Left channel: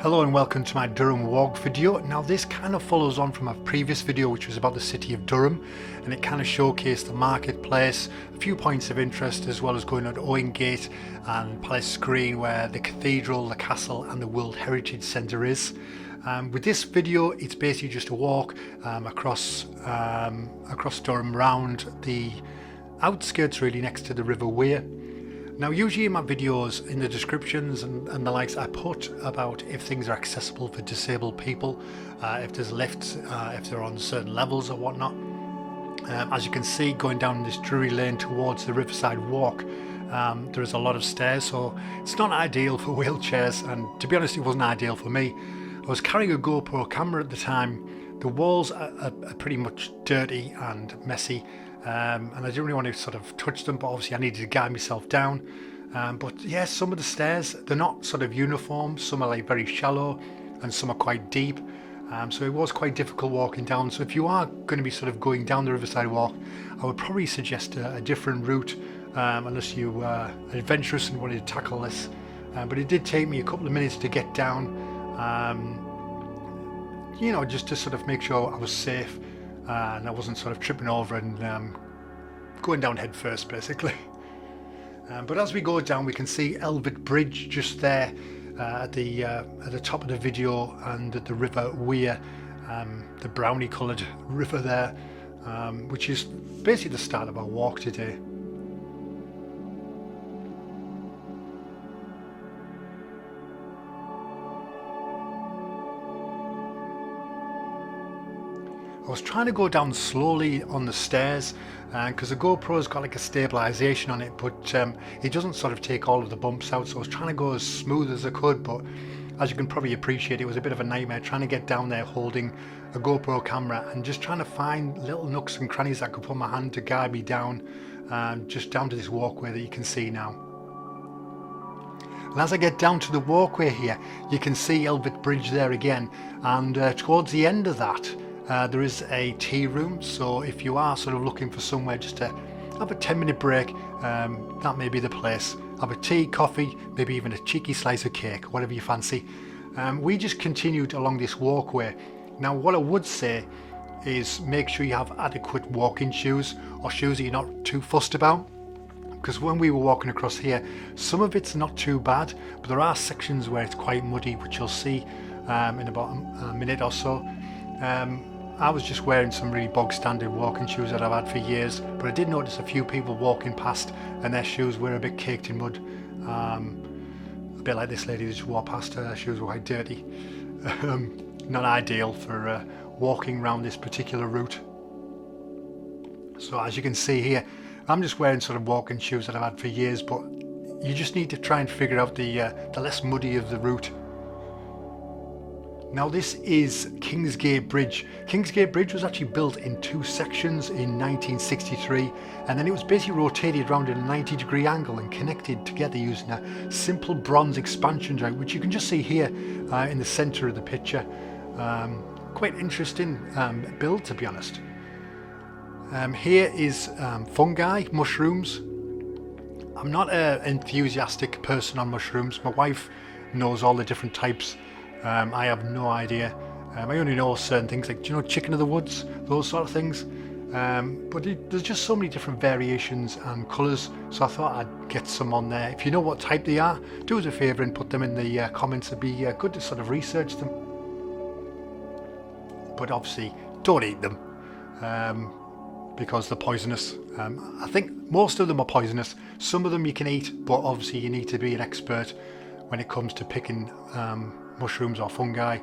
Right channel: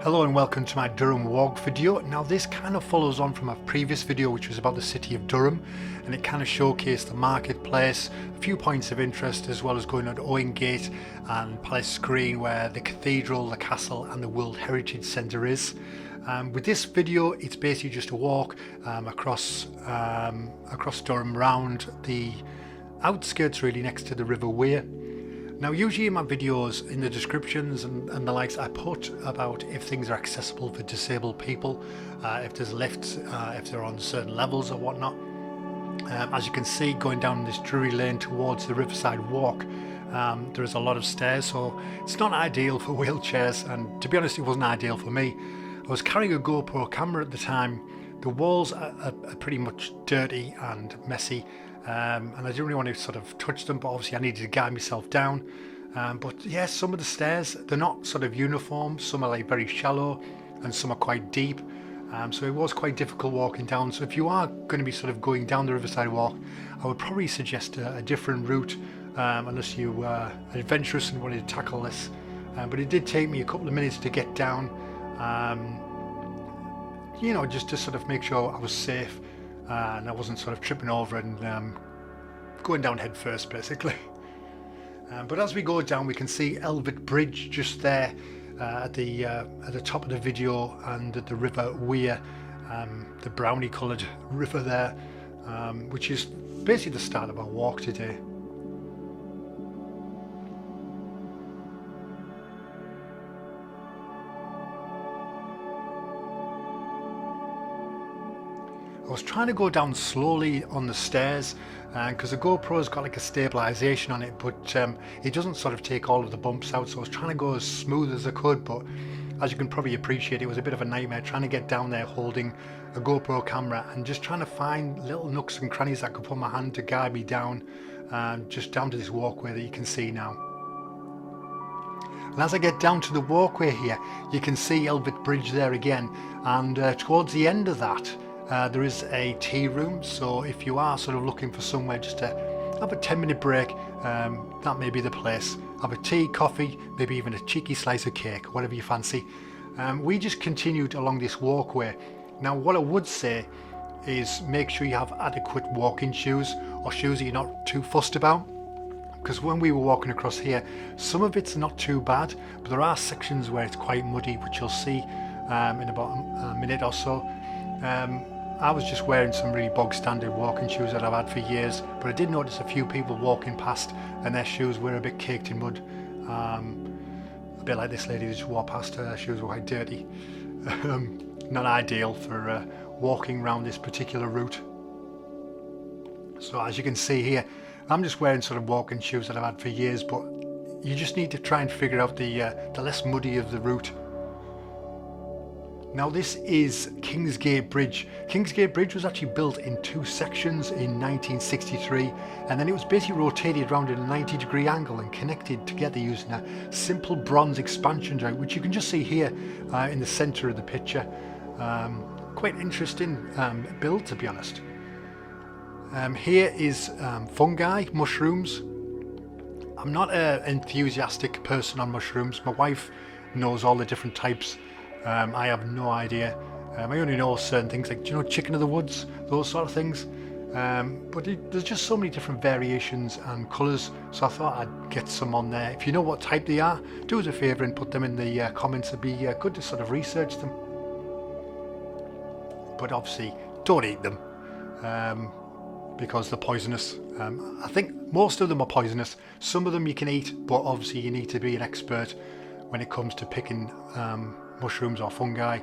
Hello and welcome to my Durham walk video. Now this kind of follows on from a previous video which was about the city of Durham, and it kind of showcased the marketplace, a few points of interest, as well as going on to Owen Gate and Palace Green where the Cathedral, the Castle and the World Heritage Centre is. With this video it's basically just a walk across Durham, round the outskirts really next to the River Wear. Now usually in my videos, in the descriptions and the likes, I put about if things are accessible for disabled people, if there's lifts, if they're on certain levels or whatnot. As you can see, going down this Drury Lane towards the riverside walk, there's a lot of stairs, so it's not ideal for wheelchairs, and to be honest it wasn't ideal for me. I was carrying a GoPro camera at the time. The walls are pretty much dirty and messy. And I didn't really want to sort of touch them, but obviously I needed to guide myself down. But yeah, some of the stairs, they're not sort of uniform. Some are like very shallow and some are quite deep. So it was quite difficult walking down. So if you are going to be sort of going down the riverside walk, I would probably suggest a different route, unless you are adventurous and wanted to tackle this. But it did take me a couple of minutes to get down, you know, just to sort of make sure I was safe. And I wasn't sort of tripping over and going down head first basically. But as we go down we can see Elvet Bridge just there at the top of the video, and the River Wear, the brownie coloured river there, which is basically the start of our walk today. I was trying to go down slowly on the stairs because the GoPro's got like a stabilisation on it, but it doesn't sort of take all of the bumps out, so I was trying to go as smooth as I could. But as you can probably appreciate, it was a bit of a nightmare trying to get down there holding a GoPro camera and just trying to find little nooks and crannies I could put my hand to guide me down, just down to this walkway that you can see now. And as I get down to the walkway here, you can see Elvet Bridge there again, and towards the end of that there is a tea room, so if you are sort of looking for somewhere just to have a 10-minute break, that may be the place. Have a tea, coffee, maybe even a cheeky slice of cake, whatever you fancy. We just continued along this walkway. Now what I would say is make sure you have adequate walking shoes, or shoes that you're not too fussed about, because when we were walking across here, some of it's not too bad, but there are sections where it's quite muddy, which you'll see in about a minute or so. I was just wearing some really bog standard walking shoes that I've had for years, but I did notice a few people walking past and their shoes were a bit caked in mud. A bit like this lady that just walked past, her shoes were quite dirty. Not ideal for walking around this particular route. So as you can see here, I'm just wearing sort of walking shoes that I've had for years, but you just need to try and figure out the less muddy of the route. Now this is Kingsgate Bridge. Kingsgate Bridge was actually built in two sections in 1963, and then it was basically rotated around at a 90-degree angle and connected together using a simple bronze expansion joint, which you can just see here in the centre of the picture. Quite interesting build, to be honest. Here is fungi, mushrooms. I'm not an enthusiastic person on mushrooms. My wife knows all the different types. I have no idea. I only know certain things, like, do you know, chicken of the woods, those sort of things. But there's just so many different variations and colours, so I thought I'd get some on there. If you know what type they are, do us a favour and put them in the comments. It'd be good to sort of research them. But obviously, don't eat them because they're poisonous. I think most of them are poisonous. Some of them you can eat, but obviously you need to be an expert when it comes to picking mushrooms or fungi,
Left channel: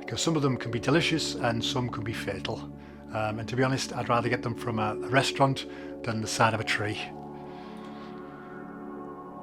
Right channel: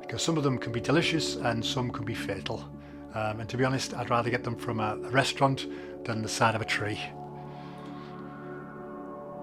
because some of them can be delicious and some can be fatal. And to be honest, I'd rather get them from a restaurant than the side of a tree.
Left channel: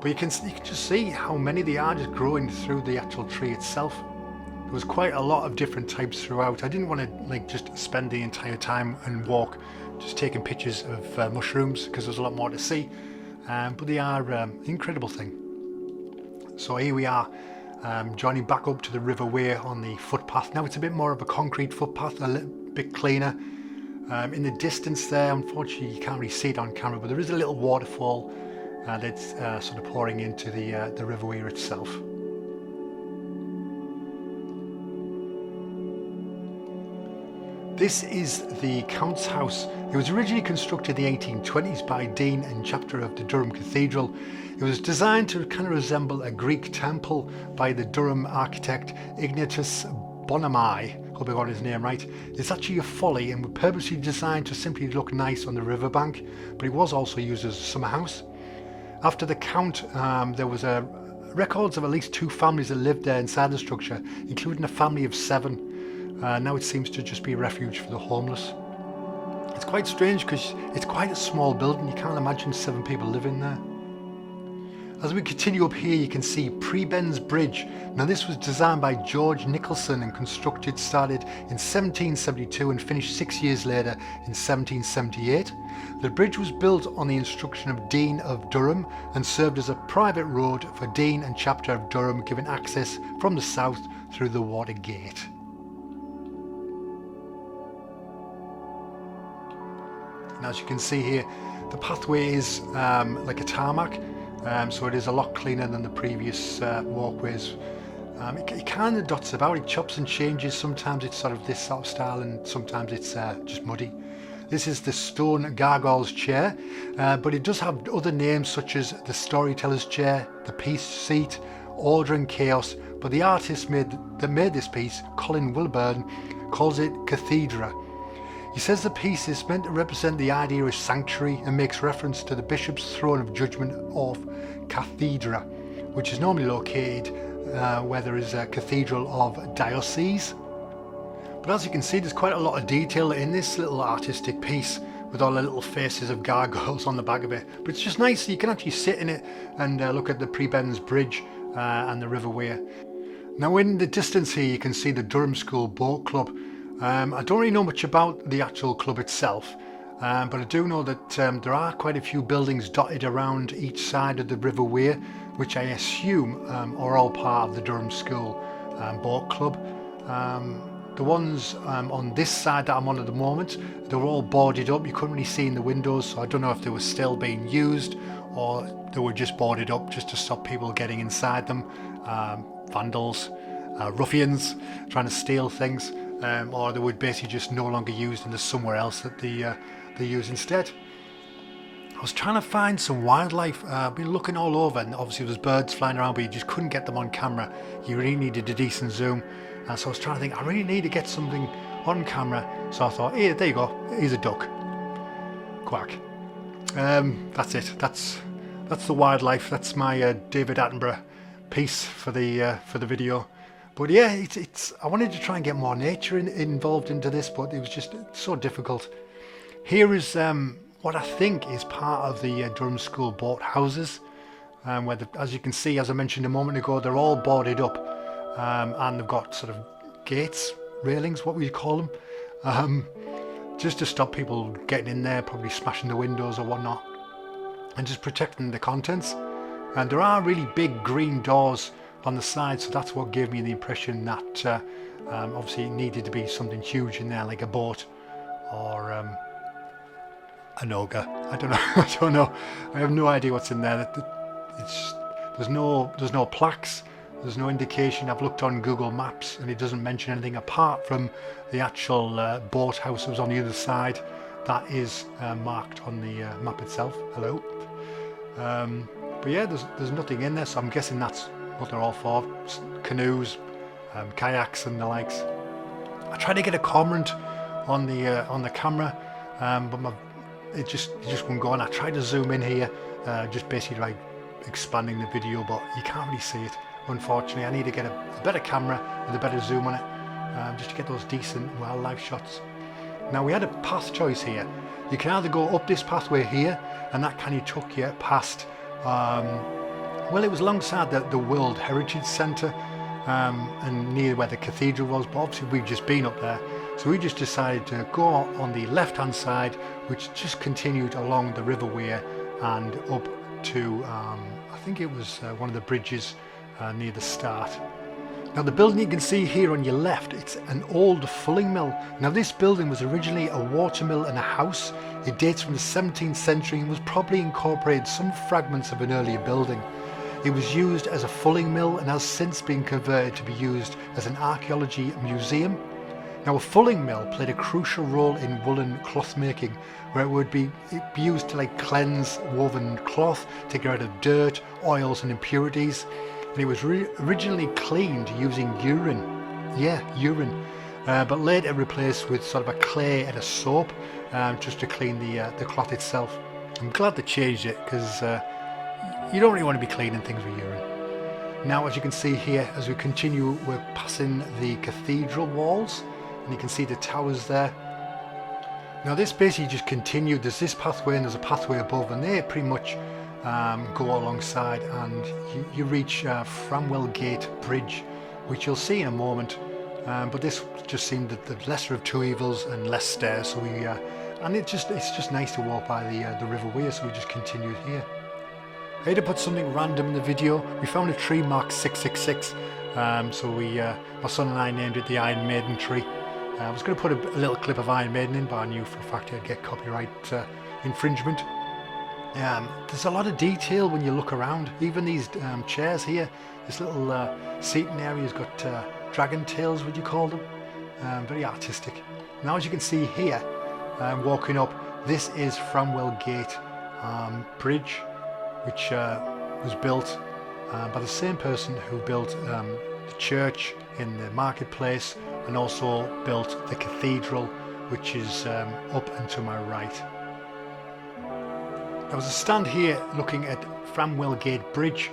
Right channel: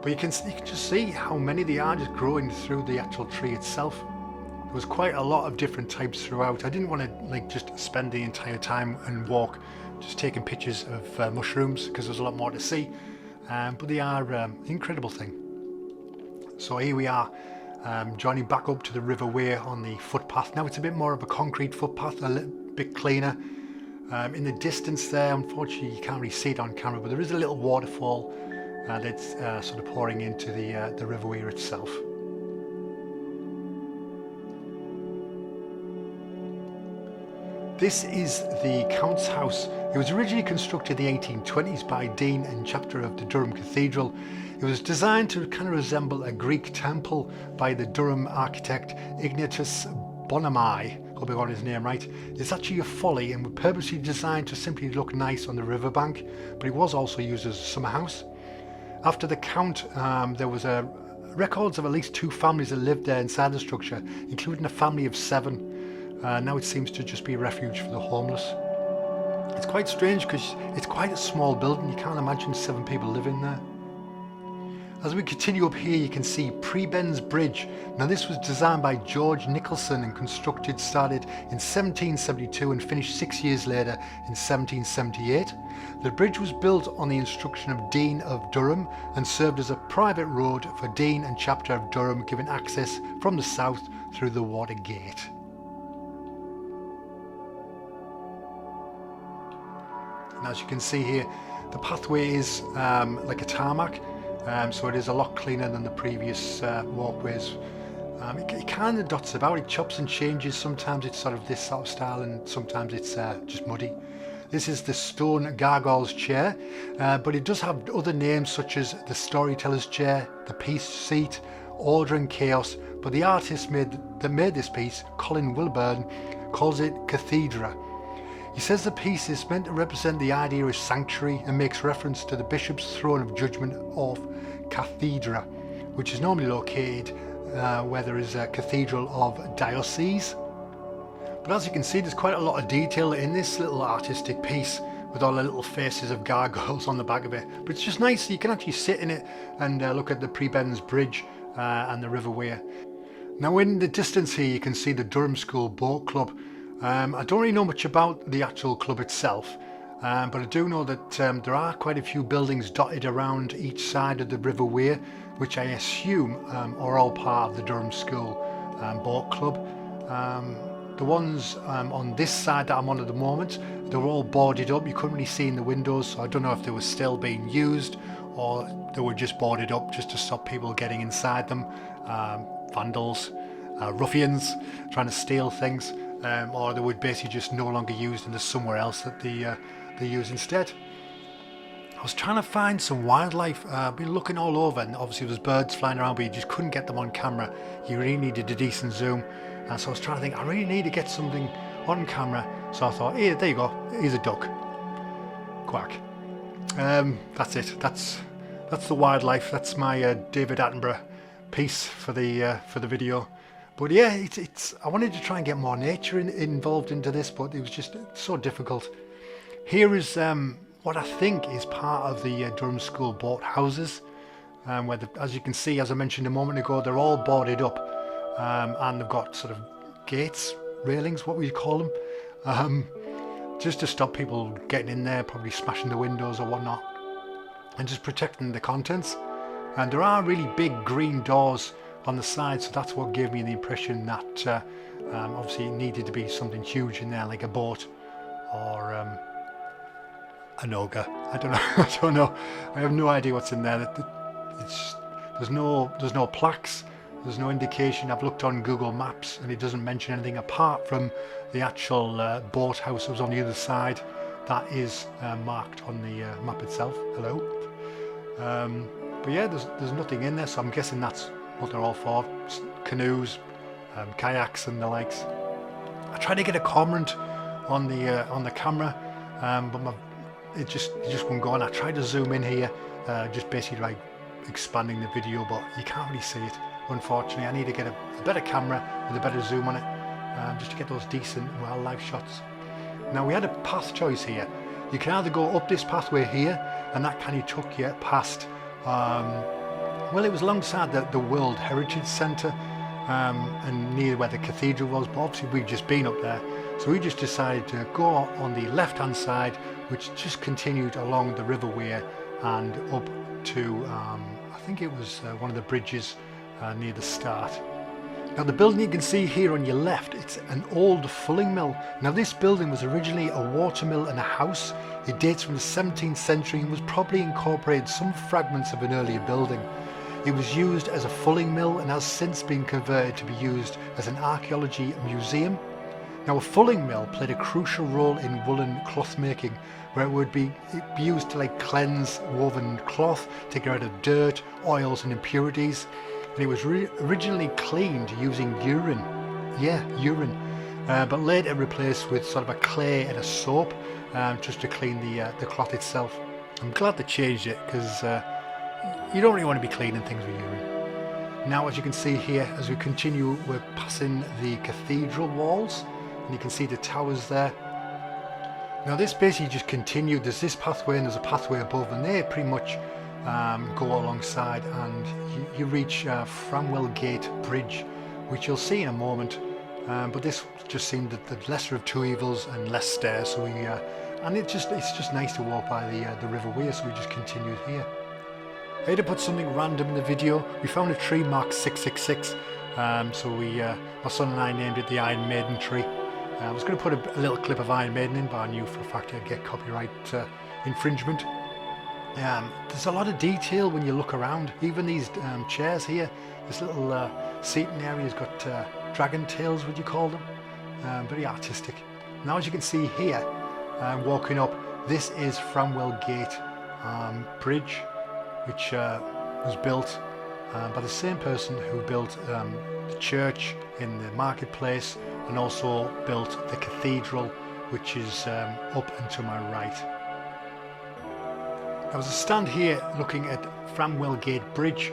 But you can just see how many they are just growing through the actual tree itself. There was quite a lot of different types throughout. I didn't want to like just spend the entire time and walk just taking pictures of mushrooms, because there's a lot more to see. But they are an incredible thing. So here we are, joining back up to the River Wear on the footpath. Now it's a bit more of a concrete footpath, a little bit cleaner. In the distance there, unfortunately you can't really see it on camera, but there is a little waterfall that's sort of pouring into the River Wear itself. This is the Count's House. It was originally constructed in the 1820s by Dean and Chapter of the Durham Cathedral. It was designed to kind of resemble a Greek temple by the Durham architect Ignatius Bonomai. Hope I got his name right. It's actually a folly and was purposely designed to simply look nice on the riverbank, but it was also used as a summer house. After the Count, there was records of at least 2 families that lived there inside the structure, including a family of 7. Now it seems to just be a refuge for the homeless. It's quite strange because it's quite a small building. You can't imagine 7 people living there. As we continue up here, you can see Prebend's Bridge. Now this was designed by George Nicholson and started in 1772 and finished 6 years later in 1778. The bridge was built on the instruction of Dean of Durham and served as a private road for Dean and Chapter of Durham, giving access from the south through the Water Gate. And as you can see here, the pathway is like a tarmac, so it is a lot cleaner than the previous walkways. It kind of dots about, it chops and changes. Sometimes it's sort of this sort of style and sometimes it's just muddy. This is the stone Gargoyle's Chair, but it does have other names such as the Storyteller's Chair, the Peace Seat, Order and Chaos, but the artist that made this piece, Colin Wilburn, calls it Cathedral. He says the piece is meant to represent the idea of sanctuary and makes reference to the Bishop's throne of judgment of Cathedral, which is normally located where there is a cathedral of diocese. But as you can see, there's quite a lot of detail in this little artistic piece with all the little faces of gargoyles on the back of it. But it's just nice, you can actually sit in it and look at the Prebend's Bridge and the River Wear. Now in the distance here you can see the Durham School Boat Club. I don't really know much about the actual club itself, but I do know that there are quite a few buildings dotted around each side of the River Wear, which I assume are all part of the Durham School Boat Club. The ones on this side that I'm on at the moment, they're all boarded up. You couldn't really see in the windows, so I don't know if they were still being used or they were just boarded up just to stop people getting inside them. Vandals, ruffians trying to steal things. Or they would basically just no longer used and there's somewhere else that they use instead. I was trying to find some wildlife. I've been looking all over and obviously there's birds flying around, but you just couldn't get them on camera. You really needed a decent zoom. And so I was trying to think, I really need to get something on camera. So I thought, here, there you go, here's a duck. Quack. That's it. That's the wildlife. That's my David Attenborough piece for the video. But yeah, I wanted to try and get more nature involved into this, but it was just so difficult. Here is what I think is part of the Durham School boat houses, where as you can see, as I mentioned a moment ago, they're all boarded up and they've got sort of gates, railings, what would you call them, just to stop people getting in there, probably smashing the windows or whatnot, and just protecting the contents. And there are really big green doors on the side, so that's what gave me the impression that obviously it needed to be something huge in there, like a boat or an ogre. I don't know. I don't know. I have no idea what's in there. There's no plaques. There's no indication. I've looked on Google Maps and it doesn't mention anything apart from the actual boat house that was on the other side. That is marked on the map itself. Hello. But yeah, there's nothing in there, so I'm guessing that's what they're all for. Canoes, kayaks and the likes. I tried to get a comment on the camera, but it just wouldn't go on. I tried to zoom in here, just basically like expanding the video, but you can't really see it, unfortunately. I need to get a better camera with a better zoom on it, just to get those decent wildlife shots. Now we had a path choice here. You can either go up this pathway here, and that kind of took you past well, it was alongside the World Heritage Centre and near where the cathedral was, but obviously we've just been up there, so we just decided to go on the left hand side, which just continued along the River Wear and up to I think it was one of the bridges near the start. Now the building you can see here on your left, it's an old fulling mill. Now this building was originally a watermill and a house. It dates from the 17th century and was probably incorporated some fragments of an earlier building. It was used as a fulling mill and has since been converted to be used as an archaeology museum. Now a fulling mill played a crucial role in woolen cloth making, where it would be used to like cleanse woven cloth, to get rid of dirt, oils and impurities. And it was originally cleaned using urine, urine, but later replaced with sort of a clay and a soap, just to clean the cloth itself. I'm glad they changed it, because you don't really want to be cleaning things with urine. Now, as you can see here, as we continue, we're passing the cathedral walls, and you can see the towers there. Now this basically just continued. There's this pathway and there's a pathway above, and they pretty much go alongside, and you reach Framwell Gate Bridge, which you'll see in a moment. But this just seemed the lesser of two evils and less stairs, so and it's just nice to walk by the River Wear, so we just continued here. I had to put something random in the video. We found a tree marked 666, so my son and I named it the Iron Maiden tree. I was going to put a little clip of Iron Maiden in, but I knew for a fact I'd get copyright infringement. There's a lot of detail when you look around. Even these chairs here, this little seating area has got dragon tails, would you call them? Very artistic. Now, as you can see here, walking up, this is Framwell Gate Bridge, which was built by the same person who built the church in the marketplace, and also built the cathedral, which is up and to my right. Now, as I stand here looking at Framwell Gate Bridge,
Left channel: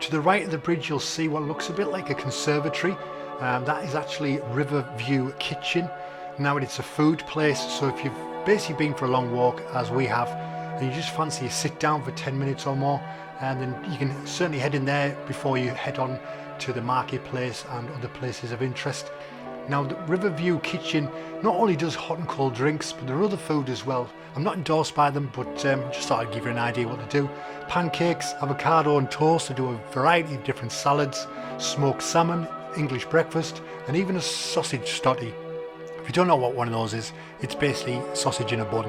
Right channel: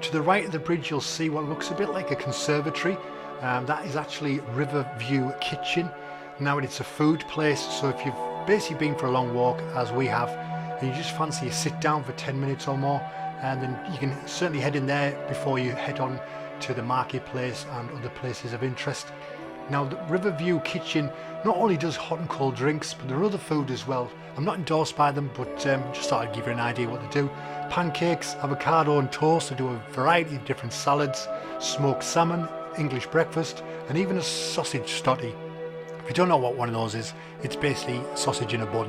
to the right of the bridge you'll see what looks a bit like a conservatory. That is actually Riverview Kitchen. Now it's a food place, so if you've basically been for a long walk, as we have, and you just fancy you sit down for 10 minutes or more, and then you can certainly head in there before you head on to the marketplace and other places of interest. Now the Riverview Kitchen not only does hot and cold drinks, but there are other food as well. I'm not endorsed by them, but just thought I'd give you an idea what they do. Pancakes, avocado and toast. They do a variety of different salads, smoked salmon, English breakfast, and even a sausage stotty. If you don't know what one of those is, it's basically sausage in a bun.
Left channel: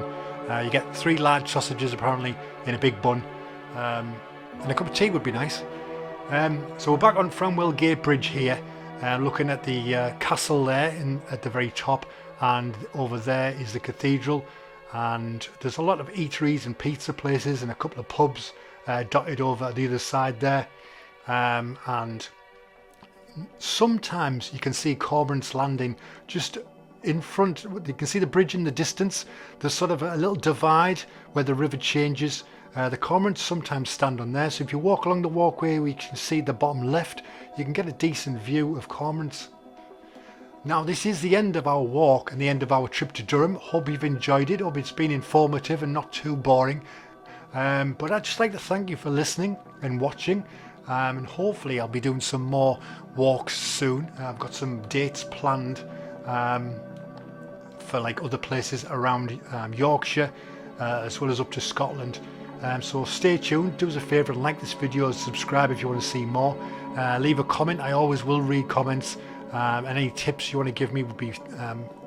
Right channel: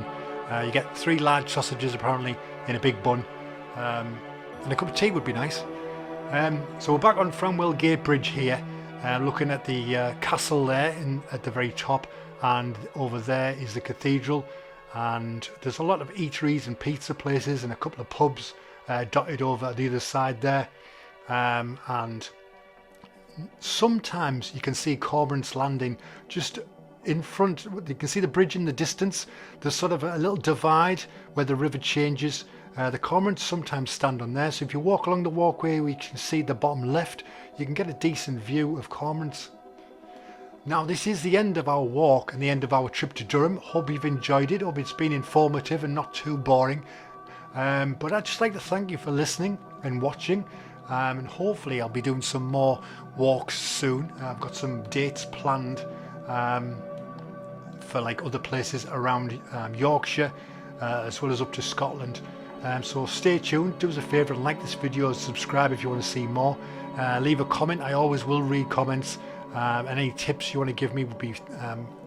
You get 3 large sausages apparently in a big bun, and a cup of tea would be nice. So we're back on Framwell Gate Bridge here, looking at the castle there at the very top, and over there is the cathedral, and there's a lot of eateries and pizza places and a couple of pubs dotted over the other side there, and sometimes you can see Cormorant's Landing just in front. You can see the bridge in the distance. There's sort of a little divide where the river changes. The cormorants sometimes stand on there, so if you walk along the walkway, we can see the bottom left, you can get a decent view of cormorants. Now this is the end of our walk and the end of our trip to Durham. Hope you've enjoyed it. Hope it's been informative and not too boring. But I'd just like to thank you for listening and watching, and hopefully I'll be doing some more walks soon. I've got some dates planned for like other places around Yorkshire, as well as up to Scotland. So stay tuned. Do us a favour and like this video and subscribe if you want to see more. Leave a comment. I always will read comments, and any tips you want to give me would be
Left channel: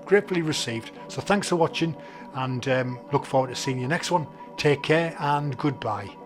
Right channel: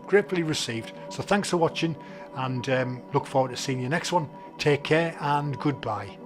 gratefully received. So thanks for watching, and look forward to seeing you next one. Take care and goodbye.